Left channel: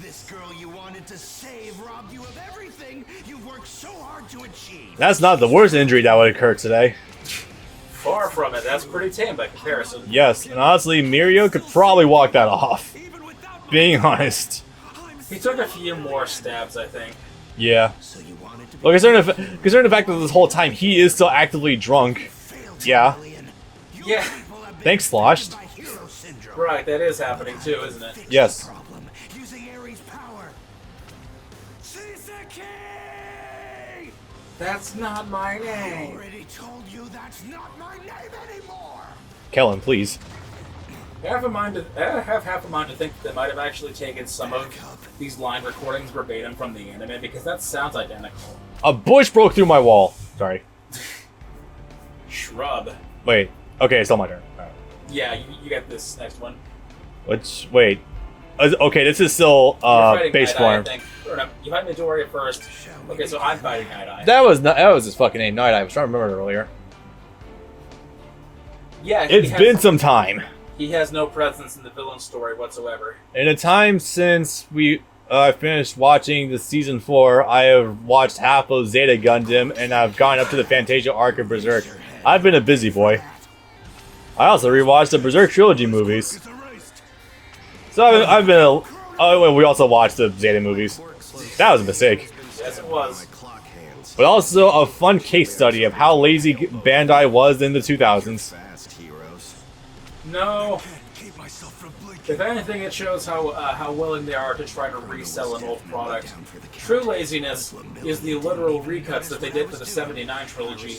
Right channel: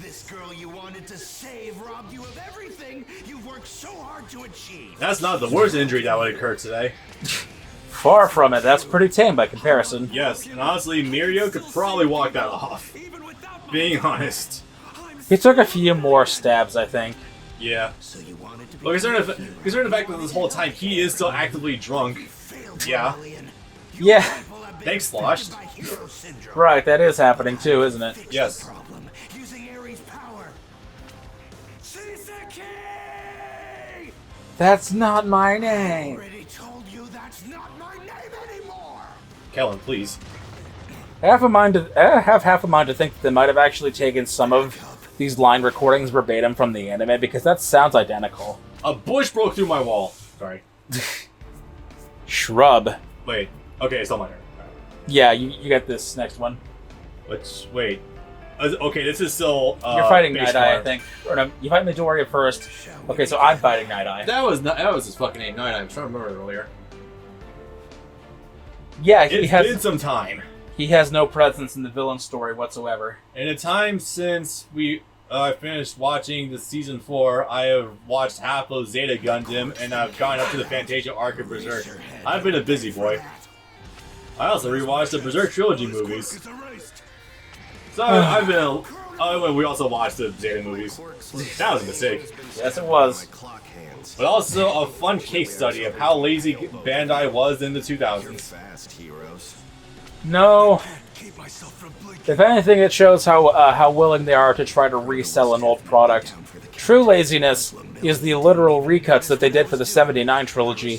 This girl you wanted to save robbed you of everything you've worked so hard to achieve. That's not the worst injury that would occur today. Far from it. That's pretty tame by comparison. Yes, and honestly, Mirio could probably walk that off. Even without my Being help, honest. I'm He took a few more stabs, I think. Yeah. So you wanted to be Well, considering the fact that this whole time he is still actively drunk. failed, Yeah. Lillian. Yeah. People have been Thanks, Slosh. infected by hero syndrome. Right, that is happening too, isn't it? Fix Yes. the problem using Ares' power. Shiseki! That's not my I name. already told you that's not my name anymore. Kellen, please. I have half a mind to think that they might have actually taken some of these line recordings verbatim from the anime because that sounds identical. A bush broke through my wall. Sorry. Shrub. Wait. Okay, it's on my turn. Alright. Yeah, you get this next one. Which, wait. Okay, this is still You're fighting base Night Eye, I form. think. Or no, you fight Midoriya first. Okay, so I'm fighting Night Eye. That was his fucking name, Night Eye. I was trying to remember it earlier. Yeah, It's been some time. he has no presence in the villain story whatsoever. In a time since we finished watching the season 4, I have watched half of Zeta Gundam, and I've gone up to the Fantasia arc of Berserk. I've been a busy boy. I also rewatched the Berserk trilogy movies. So I've been a... Oh, well, we also watched the Zeta movies. That was a mistake. Yes, it was. But also a fun case study of how lazy Bandai was in the 2000s. Fast heroes. No. Keep myself from blinking. If anything, it shows how willing they are to try to resell an old product. True laziness is the literal recuts that they did for the 79 trilogy,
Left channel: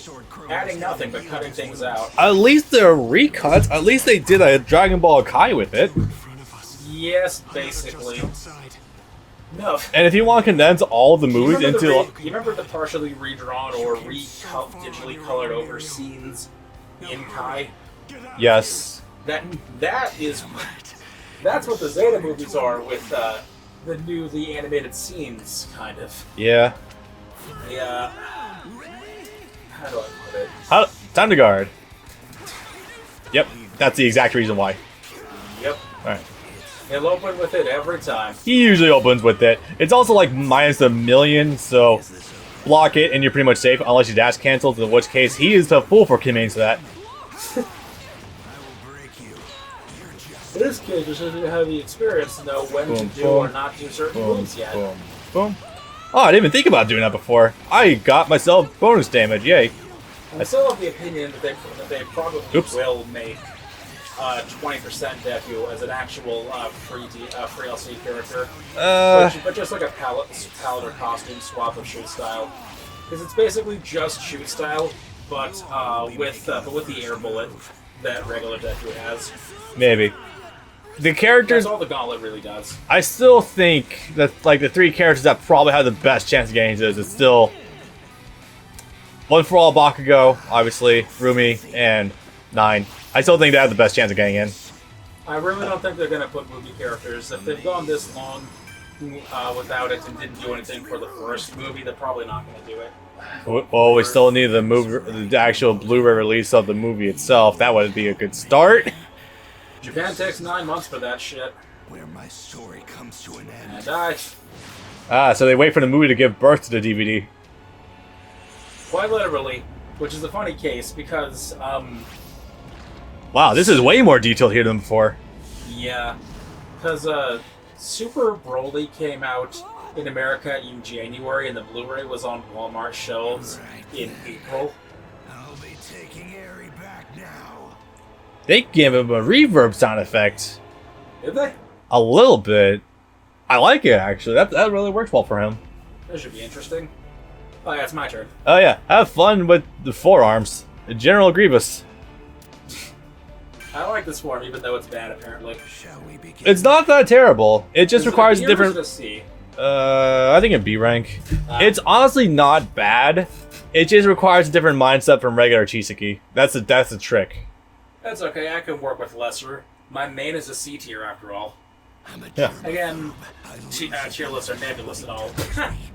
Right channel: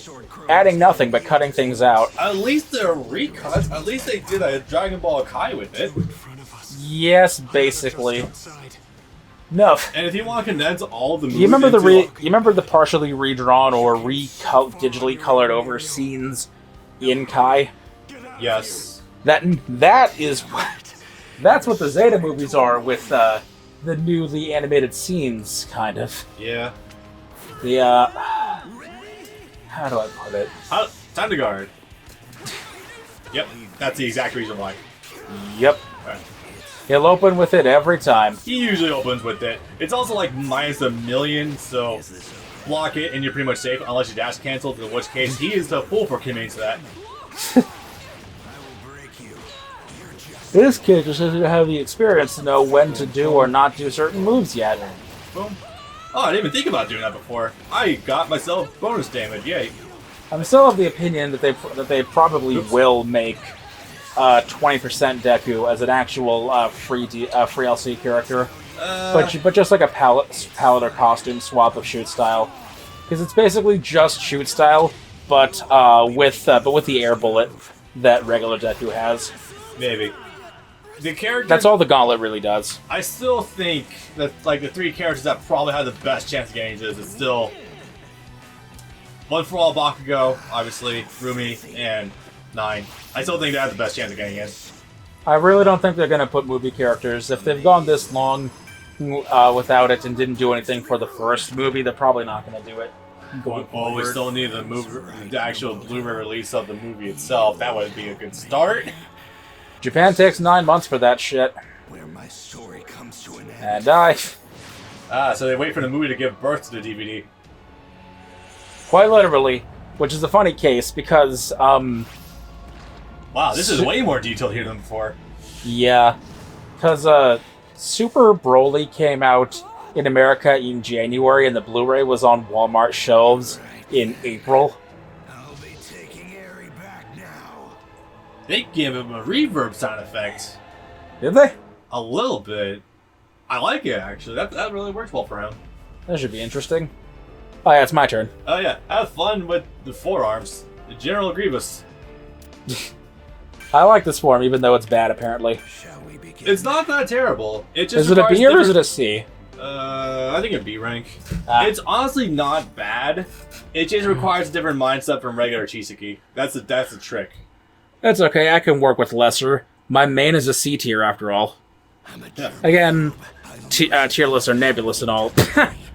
adding nothing but cutting things out. At least they're recuts. At least they did a Dragon Ball Kai with it. Yes, basically. No. And if you want to condense all the movies You remember into... you remember the partially redrawn or digitally colored over scenes in Kai? Yes. That's what the Zeta movies are with the newly animated scenes, kind of. Yeah. The how do I put it? Time to guard. Yep, that's the exact reason why. Yep. Alright. He'll open with it every time. He usually opens with it. It's also like -1,000,000, so block it and you're pretty much safe unless you dash cancel, in which case he is the fool for committing to that. This kid just doesn't have the experience to know when to do or not do certain moves yet. Boom. Oh, I didn't even think about doing that before. I got myself bonus damage, yay. I'm still of the opinion that they probably Oops. will make 20% Deku as an actual free LC character, but just like a palette or costume swap of shoot style, because it's basically just shoot style, but with the air bullet that regular Deku has. maybe. The characters... That's all the Gauntlet really does. I still think that like the 3 characters that probably have the best chance of getting this is still One for All Bakugo, obviously, Rumi, and 9. I still think they have the best chance of getting in. I really don't think they're going to put movie characters. If they've gone this long without it and didn't do anything for the first movie, they're probably not going to do it. Well, we still need the actual Blu-ray release of the movie itself. That would be a good start. Japan takes 9 months for that shit. Where my story comes to an end. And So they wait for the movie to give birth to the DVD. quite literally, which is a funny case because, Wow, this is way more detailed here than before. yeah, because Super Broly came out in America in January and the Blu-ray was on Walmart shelves in April. I'll be taking Eri back now. They give him a reverb sound effect. Did they? A little bit. I like it, actually. That really works well for him. That should be interesting. Oh yeah, it's my turn. Oh yeah, have fun with the forearms. General Grievous. I like this form, even though it's bad, apparently. Shall we begin? It's not that terrible. It just Is it a requires B or is different... it a C? I think a B rank. Ah. It's honestly not bad. It just requires a different mindset from regular Chiseki. That's the trick. That's okay, I can work with lesser. My main is a C tier, after all. I'm a Yeah. germ. Again, tierless or nebulous and all.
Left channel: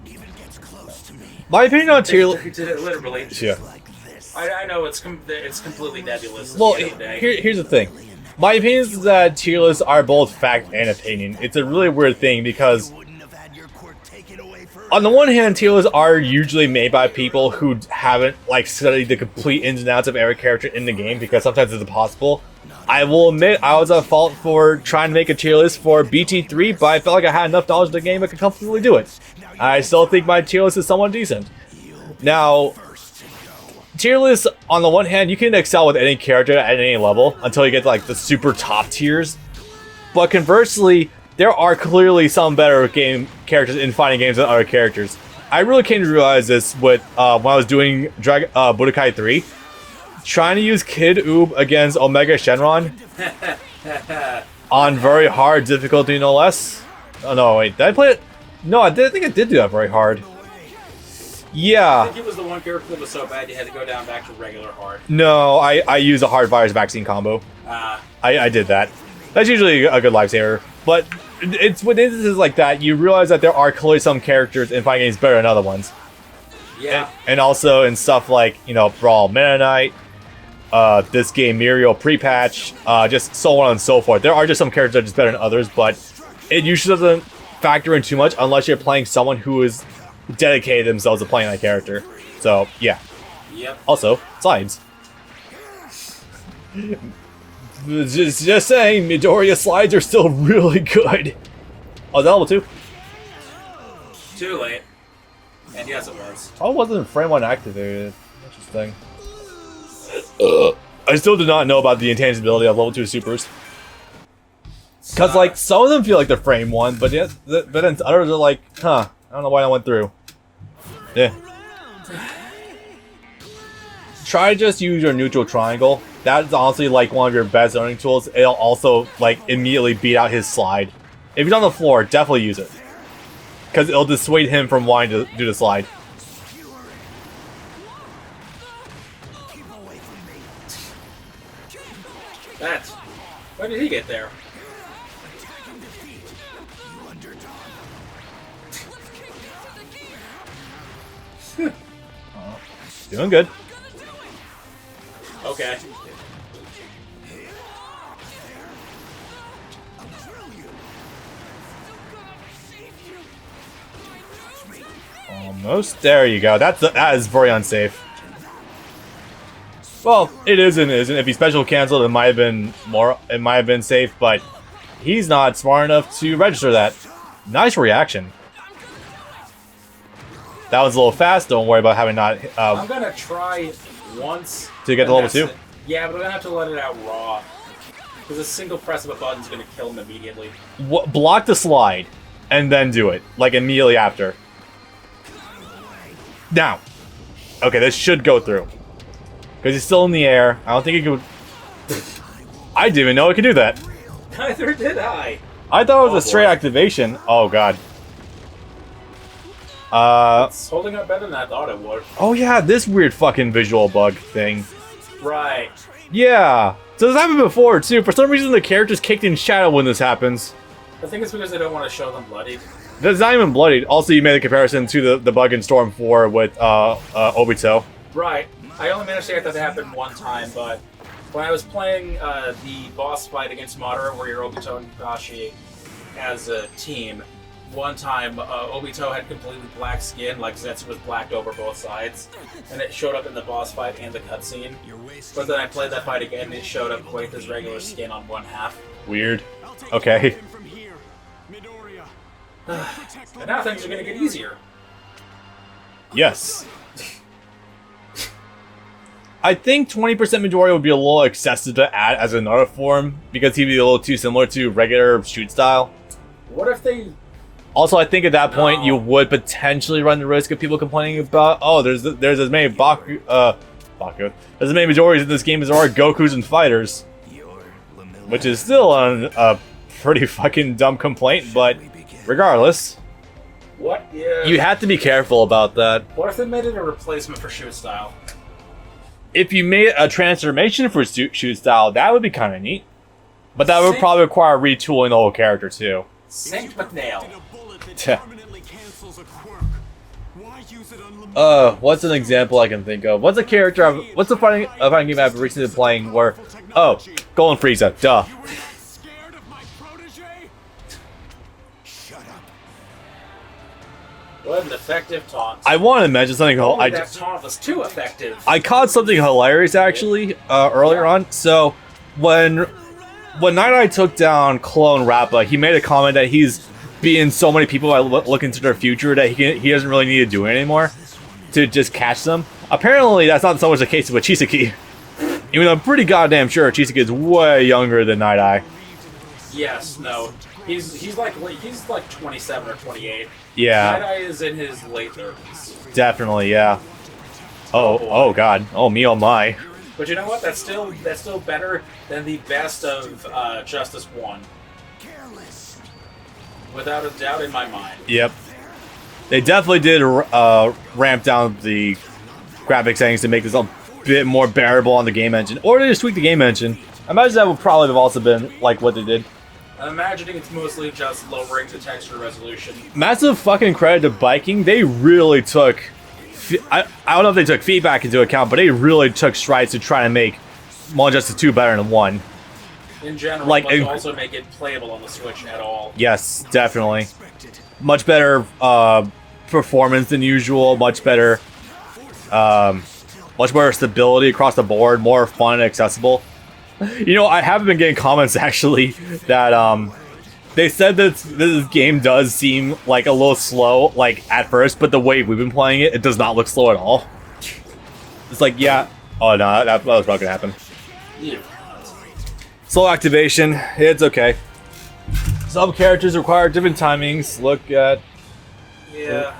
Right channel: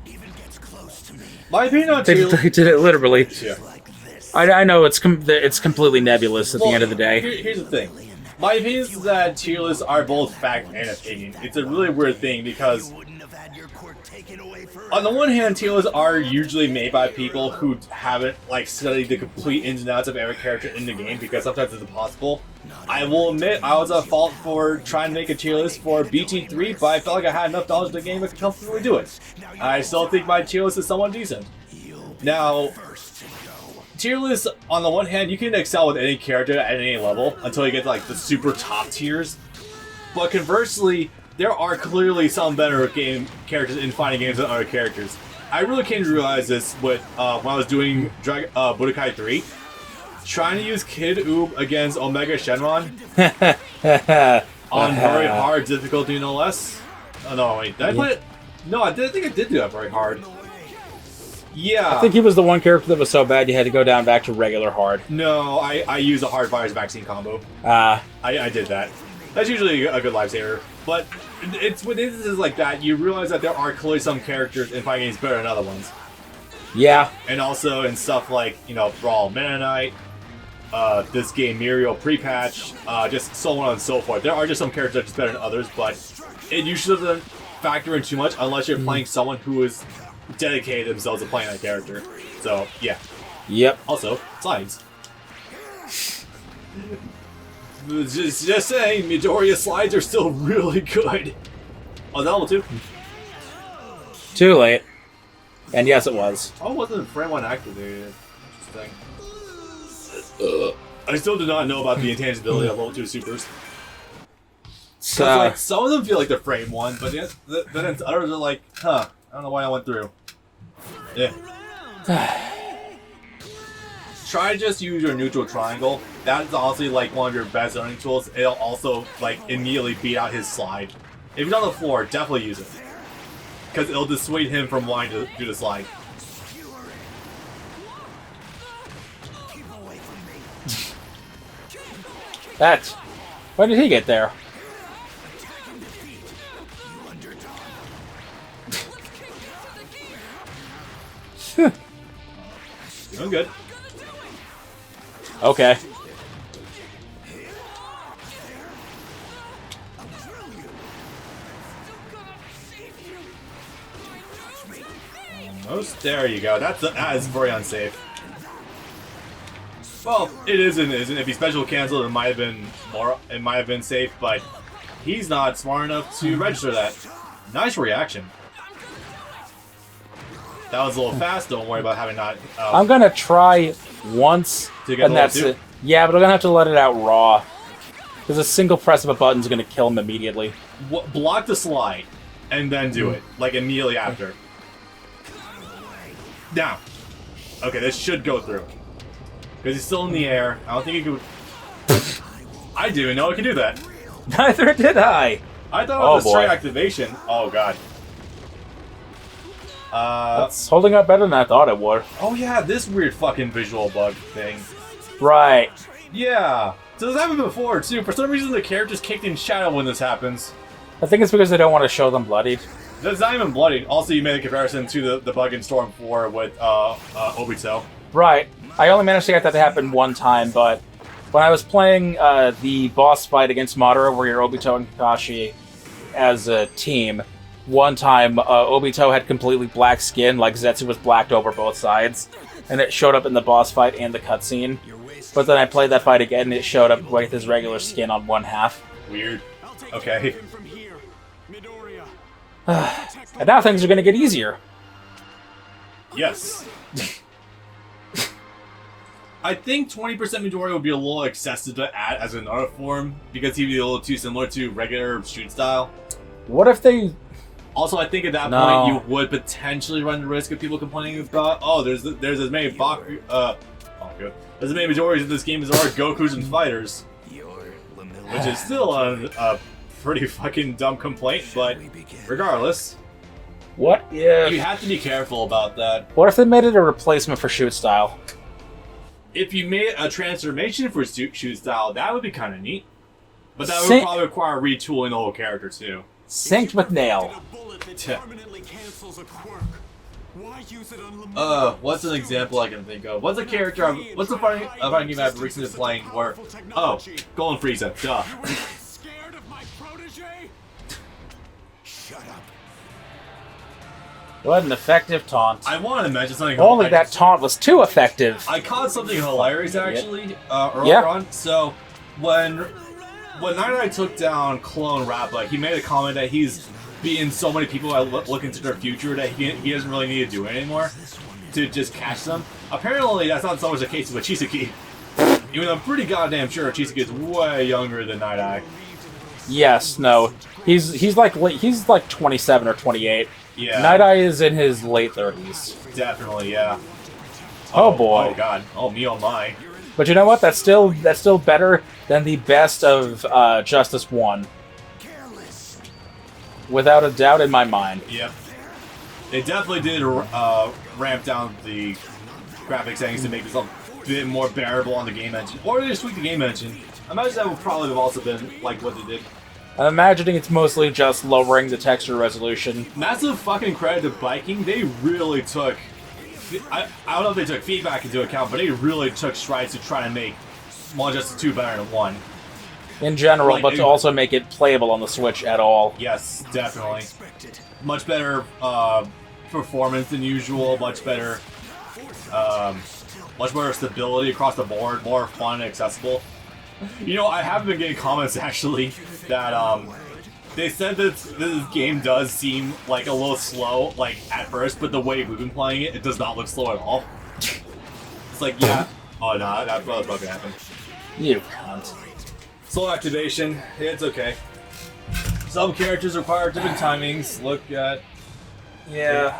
Even gets close to me. My opinion on they, Teal... they did it literally. Yeah. Like this. I know it's completely nebulous at the end of the day. Here's the thing. My opinion is that tier lists are both fact and opinion. It's a really weird thing because on the one hand, tier lists are usually made by people who haven't like studied the complete ins and outs of every character in the game because sometimes it's impossible. I will admit I was at fault for trying to make a tier list for BT3, but I felt like I had enough knowledge of the game I could comfortably do it. I still think my tier list is somewhat decent. Now, tier lists, on the one hand, you can excel with any character at any level until you get to, like, the super top tiers. But conversely, there are clearly some better game characters in fighting games than other characters. I really came to realize this with when I was doing Budokai 3. Trying to use Kid Oob against Omega Shenron on very hard difficulty, no less. Oh no, wait, did I play it? No, I think I did do that very hard. Yeah. I think he was the one character that was so bad you had to go down back to regular hard. No, I used a hard virus vaccine combo. I did that. That's usually a good lifesaver. But it's with instances like that, you realize that there are clearly some characters in fighting games better than other ones. Yeah. And also in stuff like, you know, Brawl Meta Knight, this game Muriel pre-patch, just so on and so forth. There are just some characters that are just better than others, but it usually doesn't factor in too much unless you're playing someone who is dedicated themselves to playing that character. So, yeah. Yep. Also, slides. Just saying, Midoriya slides are still really good. Oh, the level 2? Too late. And yes, it was. Oh, it wasn't frame 1 activated. Interesting. I still do not know about the intangibility of level 2 supers. Because, like, some of them feel like they're frame 1, but yes, but then others are like, huh, I don't know why I went through. Yeah. Try to just use your neutral triangle. That's honestly, like, one of your best learning tools. It'll also, like, immediately beat out his slide. If he's on the floor, definitely use it. Because it'll dissuade him from wanting to do the slide. That. When did he get there? Doing good. Okay. Almost. There you go. That is very unsafe. Well, it is and isn't. If he special canceled, it might have been more. It might have been safe, but he's not smart enough to register that. Nice reaction. That was a little fast. Don't worry about having not. I'm gonna try once to get and level that's 2. it. Yeah, but I'm gonna have to let it out raw. Because a single press of a button is gonna kill him immediately. Block the slide, and then do it like immediately after. Now, okay, this should go through because he's still in the air. I don't think he could. I didn't even know it could do that. Neither did I. I thought it was a straight boy. activation. Oh god. It's holding up better than I thought it would. Oh yeah, this weird fucking visual bug thing. Right. Yeah. So this happened before too. For some reason, the character's kicked in shadow when this happens. I think it's because they don't want to show them bloodied. It's not even bloodied. Also, you made a comparison to the bug in Storm 4 with Obito. Right. I only managed to get that to happen one time, but when I was playing the boss fight against Madara, where you're Obito and Kakashi as a team, one time Obito had completely black skin, like Zetsu was blacked over both sides, and it showed up in the boss fight and the cutscene. But then I played that fight again, and it showed up with his regular skin on one half. Weird. Okay. And now things are going to get easier. Yes. I think 20% Midoriya would be a little excessive to add as another form, because he'd be a little too similar to regular shoot style. What if they... Also, I think at that point you would potentially run the risk of people complaining about, oh, there's as many Baku, there's as many Midoriyas in this game as there are Gokus and fighters. Which is still a pretty fucking dumb complaint, but regardless. What if... You have to be careful about that. What if they made it a replacement for shoot style? If you made a transformation for shoot style, that would be kind of neat. But that would probably require retooling the whole character too. Synced with Nail. Permanently cancels a quirk. Why use it on What's an example I can think of? What's a character? What's the funny game I've recently been playing where? Oh, Golden Frieza. Duh. You're not scared of my protege? Shut up. What an effective taunt. I want to mention something. Only that taunt was too effective. I caught something hilarious actually earlier on. So when Night Eye took down Clone Rappa, he made a comment that he's being so many people that look into their future that he doesn't really need to do it anymore to just catch them. Apparently, that's not so much the case with Chisaki. Even though I'm pretty goddamn sure Chisaki is way younger than Night Eye. Yes, no. He's like 27 or 28. Yeah. Night Eye is in his late 30s. Definitely, yeah. Oh, boy. Oh god. Oh me, oh my. But you know what? That's still better than the best of Justice 1. Without a doubt in my mind. Yep. They definitely did ramp down the graphic settings to make this a bit more bearable on the game engine. Or they just tweak the game engine. I imagine that would probably have also been like what they did. I'm imagining it's mostly just lowering the texture resolution. Massive fucking credit to Biking. They really took... I don't know if they took feedback into account, but they really took strides to try to make Small Justice 2 better than 1. In general, but to also make it playable on the Switch at all. Yes, definitely. Much better performance than usual. Much better stability across the board. More fun and accessible. You know, I haven't been getting comments actually that they said that this game does seem like a little slow, like at first, but the way we've been playing it, it does not look slow at all. It's like, yeah. Oh no, that was not gonna happen. Yeah. Slow activation, it's okay. Some characters require different timings. Look at... Yeah.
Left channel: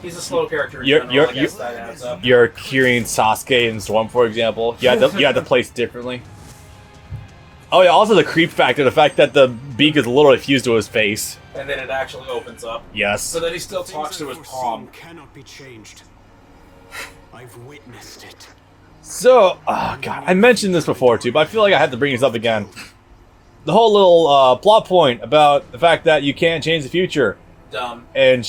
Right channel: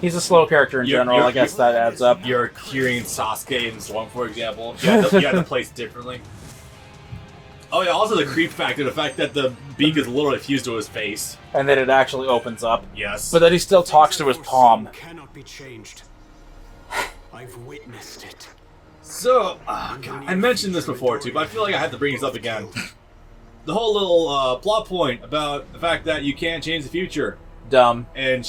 He's a slow character in general, I guess that adds up. You're curing Sasuke in Storm, for example. You have to place differently. Oh yeah, also the creep factor, the fact that the beak is literally fused to his face. And then it actually opens up. Yes. But then he still talks to his palm. Cannot be changed. I've witnessed it. So, oh god, I mentioned this before too, but I feel like I have to bring this up again. The whole little plot point about the fact that you can't change the future. Dumb. And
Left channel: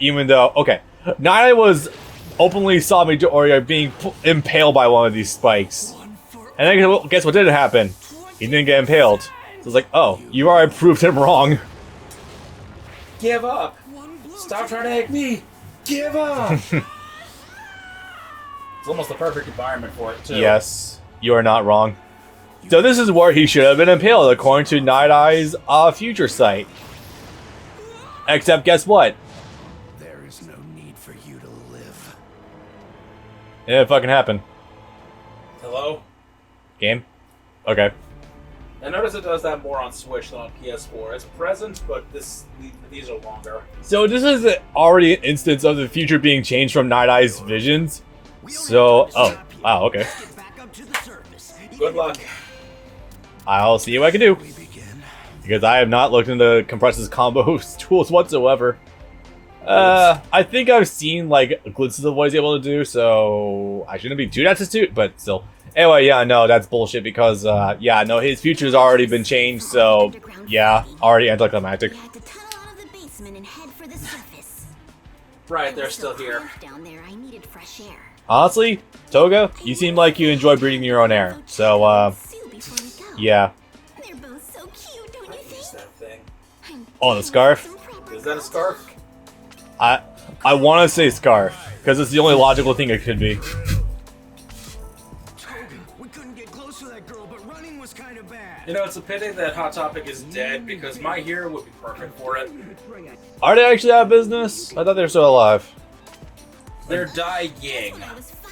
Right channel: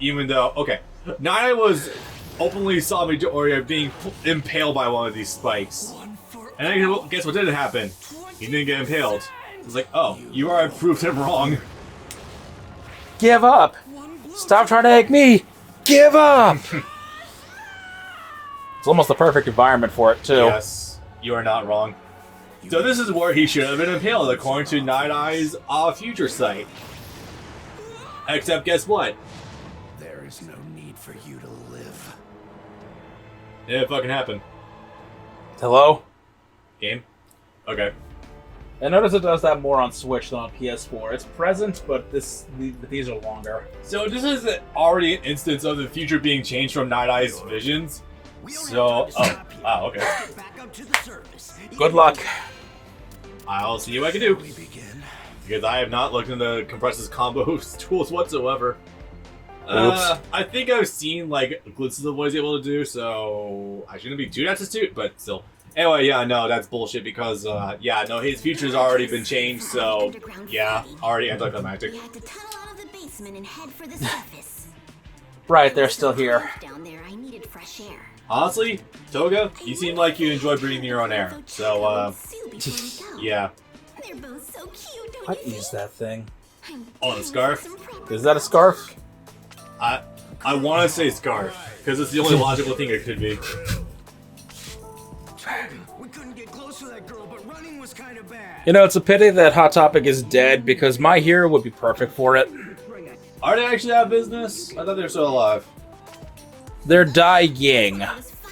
even though, okay, Naya was openly saw Midoriya being impaled by one of these spikes. And then guess what did happen? He didn't get impaled. It was like, oh, you already proved him wrong. Give up! Stop trying to egg me! Give up! It's almost the perfect environment for it, too. Yes, you are not wrong. So this is where he should have been impaled, according to Night Eye's future sight. Except, guess what? There is no need for you to live. Yeah, it fucking happened. Hello? Game? Okay. I notice it does that more on Switch than on PS4. It's present, but these are longer. So this is already an instance of the future being changed from Night Eye's visions. So, oh, wow, okay. Good luck. I'll see what I can do. We begin. Because I have not looked into Compress's combo tools whatsoever. I think I've seen, like, glimpses of what he's able to do, so I shouldn't be too destitute, but still. Anyway, yeah, no, that's bullshit because, yeah, no, his future's already been changed, so, yeah, already anticlimactic. We had to tunnel out of the basement and head for the surface. Right, they're still here. Down there, I needed fresh air. Honestly, Toga, you seem like you enjoy breathing your own air, so, yeah. They're both so cute, don't I you use think? that thing. Oh, the scarf? Is that a scarf? I want to say scarf, because it's the only logical thing it could be. We couldn't get close to that girl, but running was kind of bad. You know, it's a pity that Hot Topic is dead, because My Hero would be perfect for it. Are they actually out of business? I thought they were still alive. They're dying.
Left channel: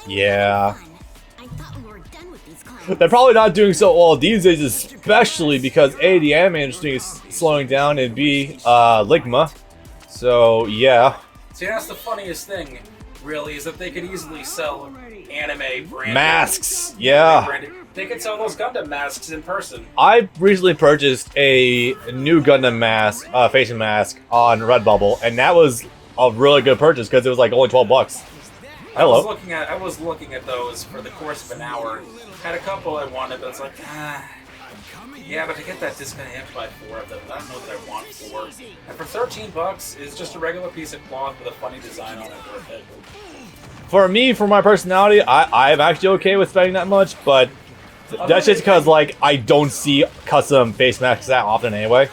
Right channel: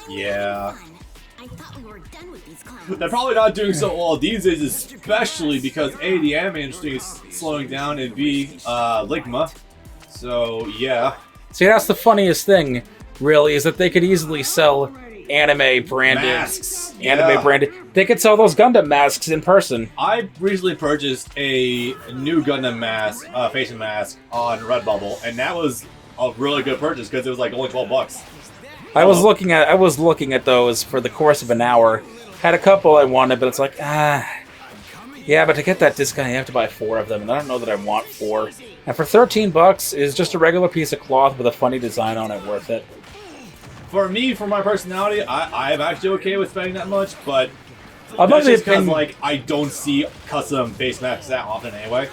Yeah. I thought we were done with these clowns. They're probably not doing so well these days, especially because A, the anime industry is slowing down, and B, Ligma. So, yeah. See, that's the funniest thing, really, is that they could easily sell anime branded Masks. Anime Yeah. branded. They could sell those Gundam masks in person. I recently purchased a new Gundam mask, facing mask on Redbubble, and that was a really good purchase because it was like only $12. I was looking at those for the course of an hour. Had a couple I wanted, but it's like, Yeah, but to get that discount, you have to buy 4 of them, and I don't know that I want 4. And for $13, is just a regular piece of cloth with a funny design on it worth it? For me, for my personality, I'm actually okay with spending that much, but I'll that's just because, opinion- like, I don't see custom face masks that often anyway.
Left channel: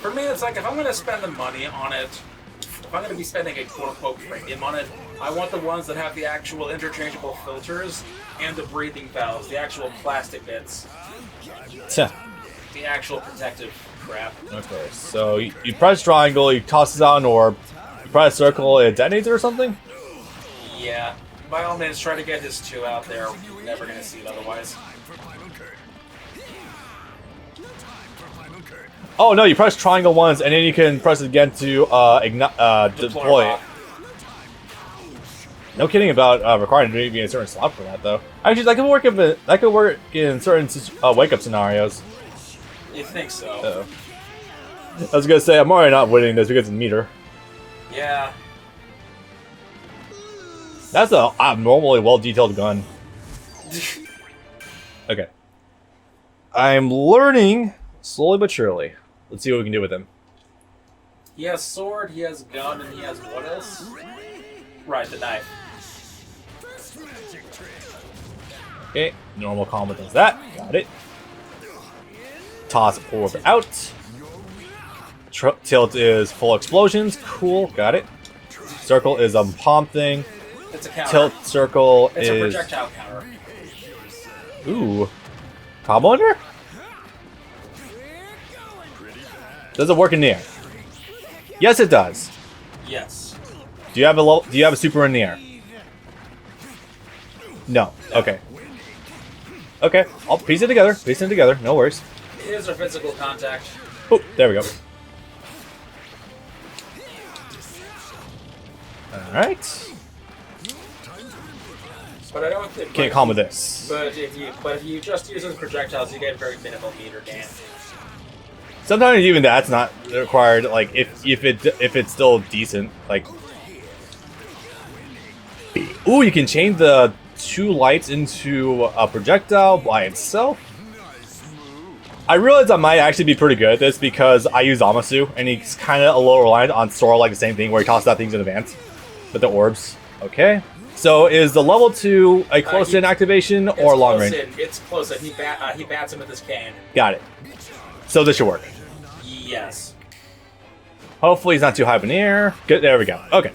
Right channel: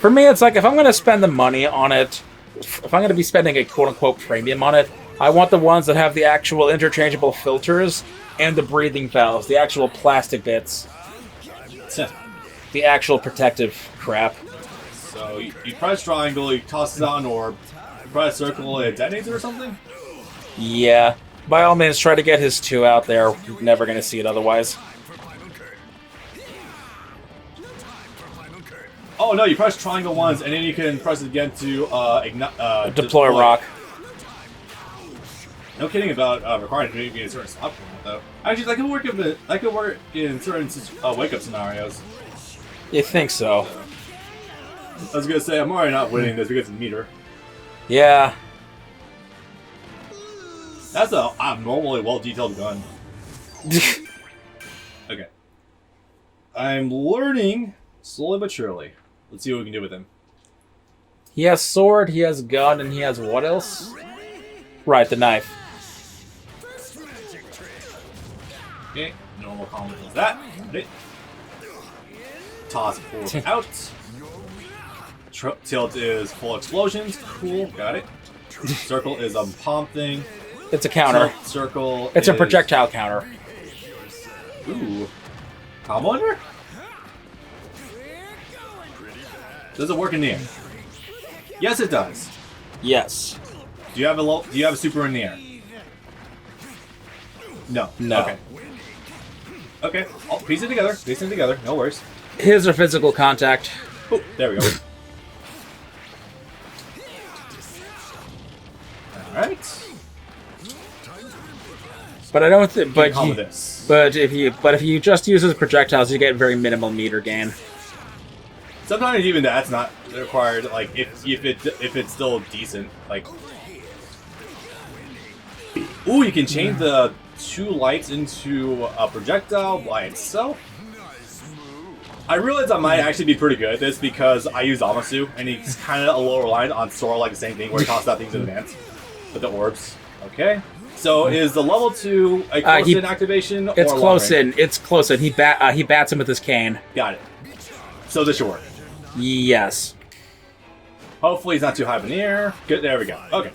For me, it's like, if I'm going to spend the money on it, if I'm going to be spending a quote-unquote premium on it, I want the ones that have the actual interchangeable filters and the breathing valves, the actual plastic bits. The actual protective crap. Okay, so you press triangle, you toss it on, or press circle, it detonates or something? Yeah. By all means, try to get his 2 out there. You're never going to see it otherwise. Oh no, you press triangle once, and then you can press it again to Deploy rock. No kidding about requiring to be in a certain spot for that, though. Actually, that could work in certain wake-up scenarios. You think so? I was gonna say, I'm already not winning this because of meter. Yeah. That's a abnormally well-detailed gun. Okay. I'm learning, slowly but surely. Let's see what we can do with him. He has sword, he has gun, and he has what else? Right, the knife. Okay, normal combo does that. Got it. Toss forward out. Tilt is full explosions. Cool, got it. Circle is a palm thing. It's a counter. Tilt circle It's is... a projectile counter. Ooh. Combo under? Does it work in the air? Yes, it does. Yes. Do you have a super in the air? No. No. Okay. Okay. I'll piece it together. Piece it together. No worries. His are physical contact. Oh, there we go. All right. But I don't think. Can't combo this. But if you just use his projectiles, you get very minimal meter gain. Sometimes even that's not required. Like if it's still decent. Like, ooh, you can change the 2 lights into a projectile by itself. I realize I might actually be pretty good at this because I use Zamasu, and he's kind of a little reliant on Sora, like the same thing, where he tosses out things in advance with the orbs. Okay. So is the level 2 a close-in activation or It's long close range? in. It's close in. He bats him with his cane. Got it. So this should work. Yes. Hopefully he's not too high up in the air. Good, there we go. Okay.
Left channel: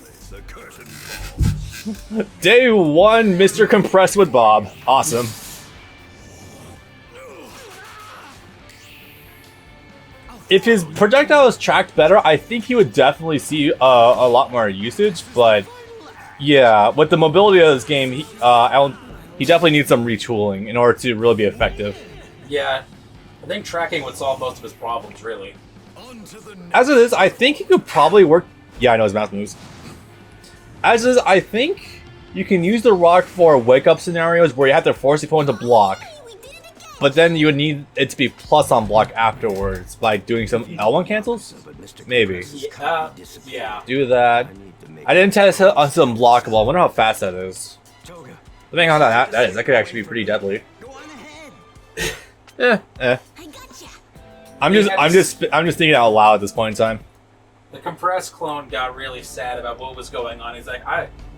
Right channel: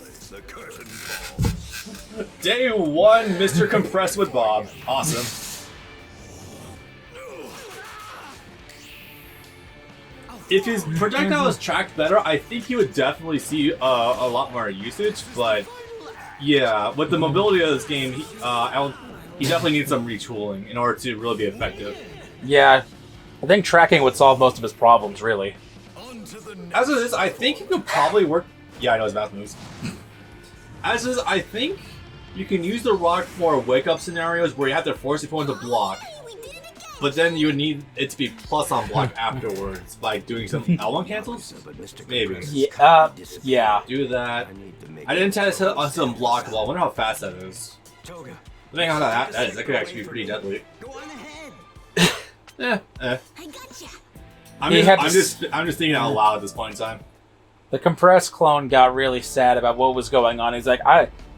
Day 1, Mr. Compressed with Bob. Awesome. If his projectile is tracked better, I think he would definitely see a lot more usage, but yeah, with the mobility of this game, he definitely needs some retooling in order to really be effective. Yeah. I think tracking would solve most of his problems, really. As it is, I think he could probably work... Yeah, I know his mouse moves. As is, I think you can use the rock for wake-up scenarios where you have to force your opponent to block. But then you would need it to be plus on block afterwards, like doing some L1 cancels? Maybe. Yeah. Do that. I didn't test it on some blockable. I wonder how fast that is. Depending on how that is, that could actually be pretty deadly. Go on ahead. Eh. I gotcha. I'm just thinking out loud at this point in time. The compressed clone got really sad about what was going on. He's like,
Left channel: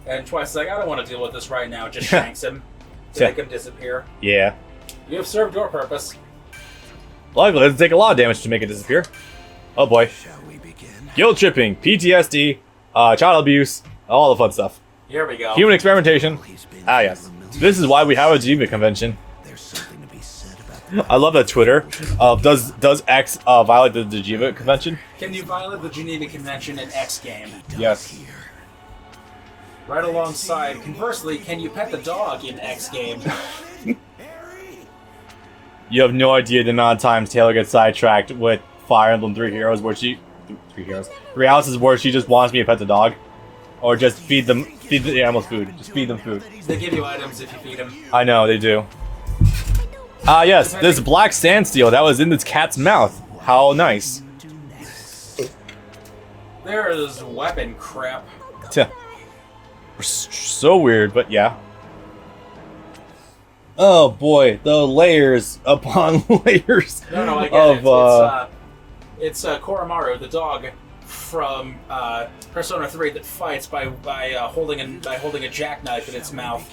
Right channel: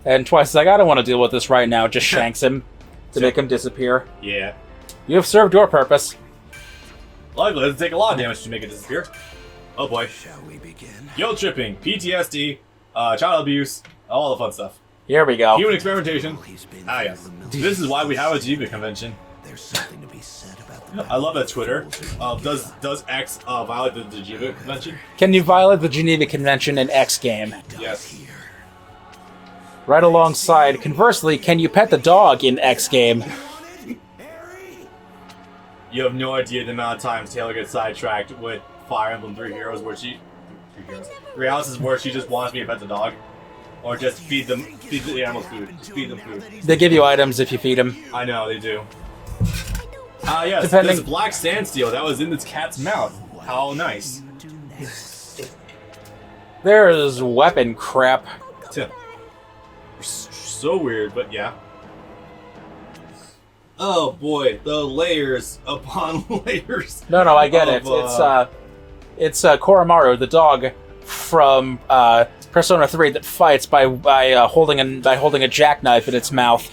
and twice he's like, I don't want to deal with this right now. Just shanks him to make him disappear. Yeah. You have served your purpose. Luckily, it'll take a lot of damage to make it disappear. Oh boy. Shall we begin? Guilt tripping, PTSD, child abuse, all the fun stuff. Here we go. Human experimentation. He's been Ah, yes. through the millions. This is why we have a Geneva convention. There's something to be said about the I love that Twitter. Does X violate the Geneva convention? Can you violate the Geneva Convention in X game? Yes. here. Right alongside, conversely, can you pet the dog in X game? You have no idea the amount of times Taylor gets sidetracked with Fire Emblem Three Three Houses where she just wants me to pet the dog. Or just feed the animals food. Just feed them food. They give you items if you feed them. I know, they do. Ah, yes, Depending- this black sandsteel that was in this cat's mouth. How nice. There is weapon crap. So weird, but yeah. Oh boy, the layers upon layers. No, I get it. of, It's Koromaru, the dog from Persona 3 that fights by holding a jackknife in its mouth.